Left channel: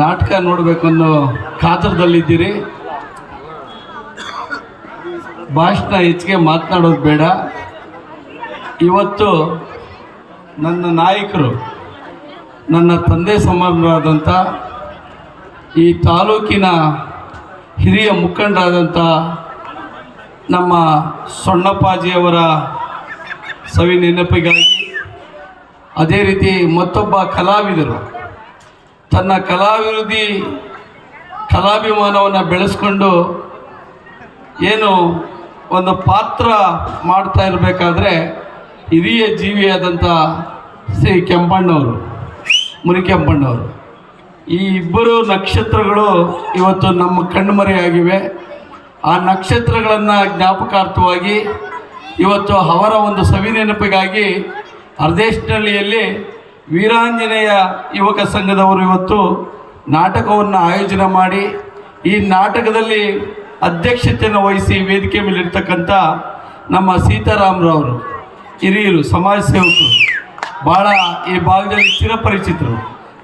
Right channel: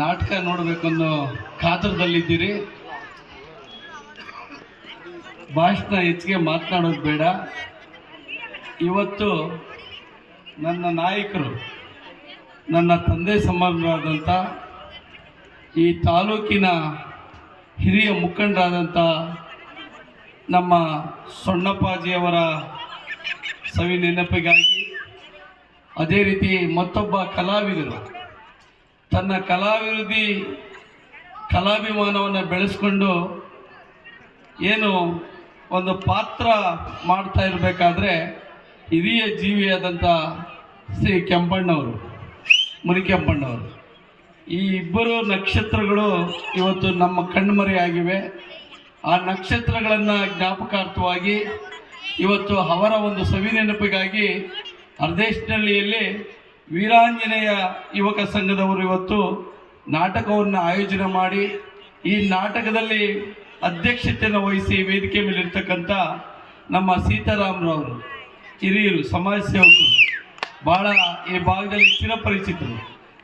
ನಾಟಕ ನೋಡಬೇಕು ಅನ್ನೋ ಕಾತರದಲ್ಲಿದ್ದೀರಿ. ಭಾಷಣ ಹೆಚ್ಚಿಗೆ ಮಾತನಾಡೋದು ಬೇಡ. ಇವತ್ತು ನನ್ನ ನಾಯಕರು, ನನ್ನ ತಂದೆ ಸಮಾನರಾದಂಥ ಈ ತಾಲೂಕಿನ ಹಿರಿಯ ಮುಖಂಡರಾದಂಥ ನಮ್ಮ ಸೊಣ್ಣಪ್ಪಾಜಿಯವರ ಸವಿ ನೆನಪಿಗಾಗಿ ಅದೇ ರೀತಿ ಮತ್ತೊಬ್ಬ ಕಲಾವಿದರು ತನ್ನ ಕಲಾಭಿವೃದ್ಧಿ ಕಲಾಭಿಮಾನವನ್ನು ಬೆಳೆಸ್ಕೊಂಡು ಏನು ಒಂದು ಪಾತ್ರ ಮಾಡ್ತಾ ಇರಬೇಕಾದ್ರೆ ಹಿರಿಯ ಜೀವಿಯಾದಂಥ ಶ್ರೀ ಕೆಂಪಣ್ಣವರು ಮುನಿಕೆಂಪಣ್ಣವರು ಈ ಇಬ್ಬರು ನಕ್ಷತ್ರಗಳು ಇವತ್ತು ನಮ್ಮ ಕಣ್ಮರೆಯಾಗಿವೆ ಆ ನಕ್ಷತ್ರಗಳನ್ನು ಜ್ಞಾಪಕಾರ್ಥವಾಗಿ ಇವತ್ತು ಅವರ ಒಂದು ಸವಿನೆನಪಿಗಾಗಿ ನೆನಪಿಗಾಗಿ ಅರ್ಧೇಶನಹಳ್ಳಿಯಲ್ಲಿ ವೀರಾಂಜನೇಯ ಯುವಕ ಸಂಘದವರು ಇವತ್ತು ನಾಟಕವನ್ನು ಆಯೋಜನೆ ಮಾಡಿ ಈ ನಾಟಕದಲ್ಲಿ ಅಧ್ಯಕ್ಷತೆಯನ್ನು ವಹಿಸಿ ವೇದಿಕೆ ಮೇಲೆ ಇರ್ತಕ್ಕಂಥ ನಮ್ಮ ಸೀತಾರಾಮರವರು, ಹಿರಿಯರು, ಸಮಾಜ ಸೇವಕರು ಭಾಳ ಈ ಭಾಗದಲ್ಲಿ ಚಿರಪರಿಚಿತರು.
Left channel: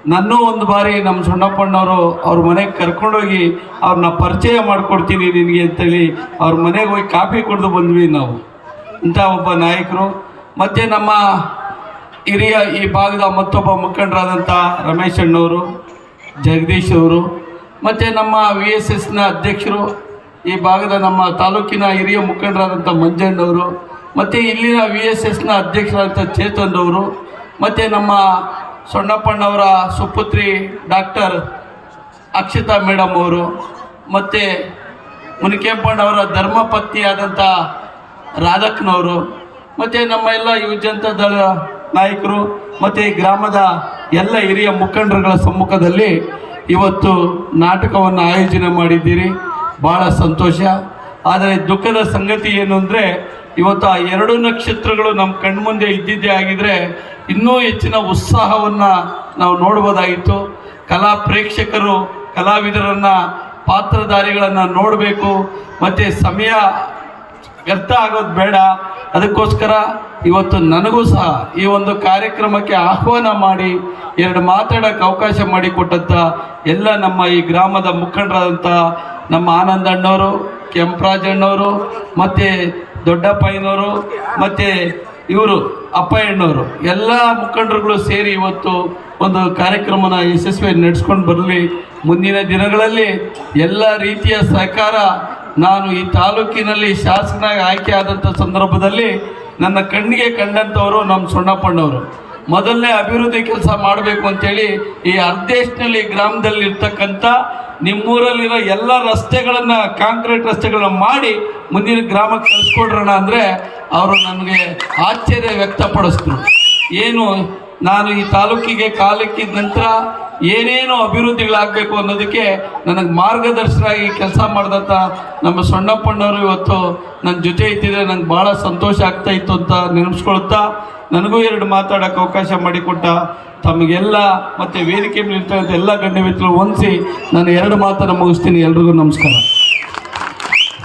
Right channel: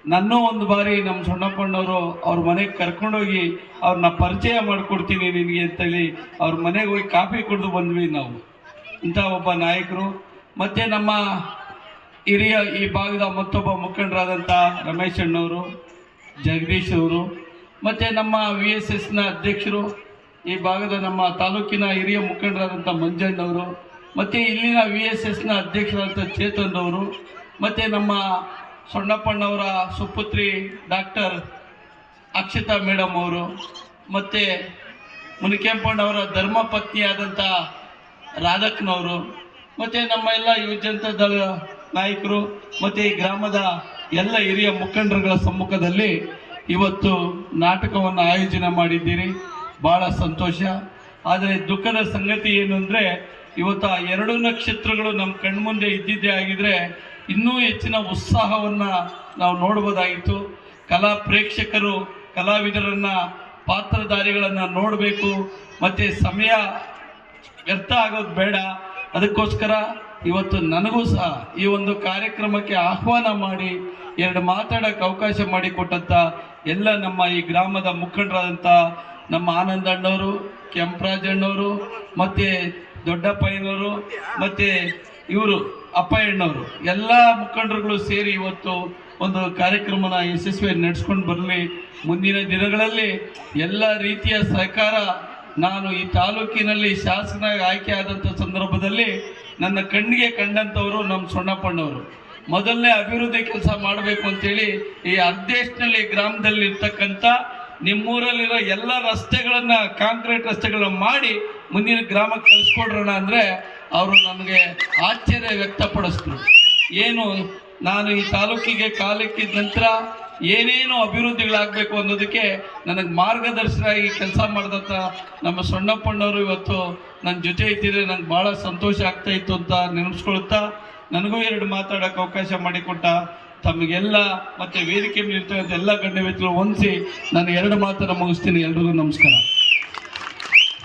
ನನ್ನ ಒಂದು ಬಾರಿ ನಮ್ಮ ಸಣ್ಣಪ್ಪಣ್ಣವರು ಅವ್ರ ಮನೆಗೆ ಕರ್ಕೊಂಡೋಗಿ ಅವ್ರನ್ನ ಪರಿಚಯ ಮಾಡಿಕೊಡ್ತೀನಿ ನಿನಗೆ ಅಂತೇಳಿ ಅವ್ರ ಮನೆಗೆ ಹೋಗಿ ಕಾಫಿ ಕುಡಿದು ಬಂದ್ವಿ ನಾವು. ಇಂಥ ಒಬ್ಬ ನಾಯಕರು. ಮತ್ತು ನಮ್ಮ ಹಿರಿಯ ಈ ಭಾಗದ ಮತ್ತೊಬ್ಬ ಮುಖಂಡರಾದಂಥ ರಮೇಶ್ ಅಣ್ಣವರು, ಜಗದೀಶ್ ಅವರು, ಮತ್ತು ನಮ್ಮ ವಿ ಎಸ್ ಎಸ್ನ ಅಧ್ಯಕ್ಷರು, ಈ ಭಾಗದ ನಮ್ಮ ತಾಲೂಕಿನ ಹಿರಿಯ ಮುಖಂಡರಾದಂಥ ಮಂಜಣ್ಣವರು ಮತ್ತು ಇಲ್ಲಿನ ವಿ ಎಸ್ ಎಸ್ನ ಅಧ್ಯಕ್ಷರಾದಂಥ ಚೇತನ್ ಅವರು, ಮತ್ತು ನಮ್ಮ ಸೊಣ್ಣಪ್ಪಣ್ಣವರ ಸುಪುತ್ರಿ ಡಾಕ್ಟರ್ ಅಕ್ಷತಾ ಮೇಡಮ್ ಅವರು, ಮತ್ತು ಮುನಿಕೆಂಪಣ್ಣವರ ಧರ್ಮಪತ್ನಿಯಾದಂಥ ರಾಧಕ್ನವರು ಮತ್ತು ನಮ್ಮ ಎಲ್ಲ ಯುವಜನತಾ ನಾಯಕರು ಮತ್ತು ಗ್ರಾಮದ ಎಲ್ಲ ಹಿರಿಯ ಮುಖಂಡರುಗಳ ಸಮ್ಮುಖದಲ್ಲಿ ಇವತ್ತು ನಾಟಕವನ್ನು ಆಯೋಜನೆ ಮಾಡಿದ್ದೀರಿ. ಭಾಳ ಸಂತೋಷ. ಆದರೆ ದುಃಖದ ಸಂಗತಿ ಏನು ಅಂದರೆ ಇವತ್ತು ಆ ಎರಡು ನಕ್ಷತ್ರಗಳು ನಮ್ಮ ಕಣ್ಮುಂದೆ ಇದ್ದಿದ್ದೇ ಆಗಿದ್ರೆ ಇನ್ನೂ ಹೆಚ್ಚಿನ ಉತ್ಸಾಹವನ್ನು ನಾವು ನೋಡ್ಬೋದಾಗಿತ್ತು. ಕಲಾ ಪ್ರೇಕ್ಷಕರು, ಕಲಾವಿದರನ್ನು, ಪಾತ್ರಧಾರಿಗಳನ್ನು ನೋಡಬೇಕು. ಮತ್ತು ಸಮಯ ವ್ಯರ್ಥ ಆಗೋದು ಬೇಡ. ಅದಕ್ಕೋಸ್ಕರ ಇವತ್ತು ನನಗೂ ಸಹ ಈ ಒಂದು ಕಾರ್ಯಕ್ರಮಕ್ಕೆ ಆಹ್ವಾನ ಮಾಡಿ, ಎರಡು ಮಾತಾಡೋಕ್ಕೆ ಅವಕಾಶ ಮಾಡಿಕೊಟ್ಟಂಥ ಎಲ್ಲ ನಮ್ಮ ಈ ಗ್ರಾಮದ ಮುಖಂಡರಾದಂಥ ನಮ್ಮ ಆನಂದಣ್ಣವರು ಕೆಂಪರಾಜಣ್ಣವರು ಮತ್ತು ದೊಡ್ಡಪ್ಪಯ್ಯನವರು ಮತ್ತು ಇವರು ಅಪ್ಪಯ್ಯಣ್ಣವರು ಎಲ್ಲ ಮುಖಂಡರುಗಳು ಸೇರಿ ಇವತ್ತು ಒಂದು ಕಾರ್ಯಕ್ರಮನ ಯಶಸ್ವಿಯಾಗಿ ನಡೆಸ್ಕೊಂಡು ಬರಲಿ. ಮುಂದಿನ ದಿನಗಳಲ್ಲಿ ಎಲ್ಲ ರೀತಿಯ ಸಹಕಾರ ನಾನು ಈ ತಾಲೂಕಿನಲ್ಲಿ ಶಾಸಕನಾಗಿ ಆಯ್ಕೆ ಆದಂಥ ಸಂದರ್ಭದಲ್ಲಿ ನನ್ನ ಕಣ್ಣಿಗೆ ಕಂಡಂಥವರು ನಮ್ಮ ಸೊಣ್ಣಪ್ಪಣ್ಣವರು ಮೊದಲನೇ ಅಭಿವೃದ್ಧಿ ಕೆಲಸ ಮಾಡಬೇಕು ಅಂತೇಳಿ ಈ ಅರ್ಧೇಶ್ನಲ್ಲಿ ಗ್ರಾಮದಲ್ಲಿ ಇರ್ತಕ್ಕಂಥ ನಿಮ್ಮೂರಲ್ಲಿರೋ ಎಲ್ಲ ರಸ್ತೆಗಳನ್ನು ಕಾಂಕ್ರೀಟ್ ರಸ್ತೆಗಳನ್ನ ಮಾಡಿ ಮುಂದಿನ ಗ್ರಾಮಕ್ಕೆ ಕಳಿಸ್ಕೊಡ್ರೋಣ ಅಂದರೆ ಅವರು ನನಗೆ ಆಶ್ಚರ್ಯ ವ್ಯಕ್ತಪಡಿಸ್ತರು ಏನು ನಾನು ಈ ತಾಲೂಕಿಗೆ ಕಾಲಿಕ್ಕಿದ ನಂತರ ಏನೇನು ಅಭಿವೃದ್ಧಿಗಳಾಗಬೇಕು ಅನ್ನೋದಕ್ಕೆ ನನಗೆ ಮಾರ್ಗದರ್ಶನಾಗಿ ಕೆಲಸ ಮಾಡಿದಂಥ ನಮ್ಮ ಸೊಣ್ಣಪ್ಪಣ್ಣವರು ಇವತ್ತು ನನ್ನ ಜೊತೆ ಇದ್ದಿದ್ರೆ ನಂಗೆ ಭಾಳ ಸಂತೋಷ ಆಗ್ತಾ ಇತ್ತು ಅಂತ ನೆನೆಸ್ಕೊಳ್ತಾ ನನಗೂ ಎರಡು ಮಾತಾಡೋಕೆ ಅವಕಾಶ ಮಾಡಿಕೊಟ್ಟ ತಮಗೆಲ್ಲ ಮತ್ತು ವೇದಿಕೆ ಮೇಲೆ ಇರ್ತಕ್ಕಂಥ ಎಲ್ಲ ಗಣ್ಯ ಮಿತ್ರರು ಹೊಂದಿಸಿ ನಾನು ಎರಡು ಮಾತನ್ನು ಮುಗಿಸ್ತೀನಿ. ಎಲ್ರಿಗೂ ನಮಸ್ಕಾರ.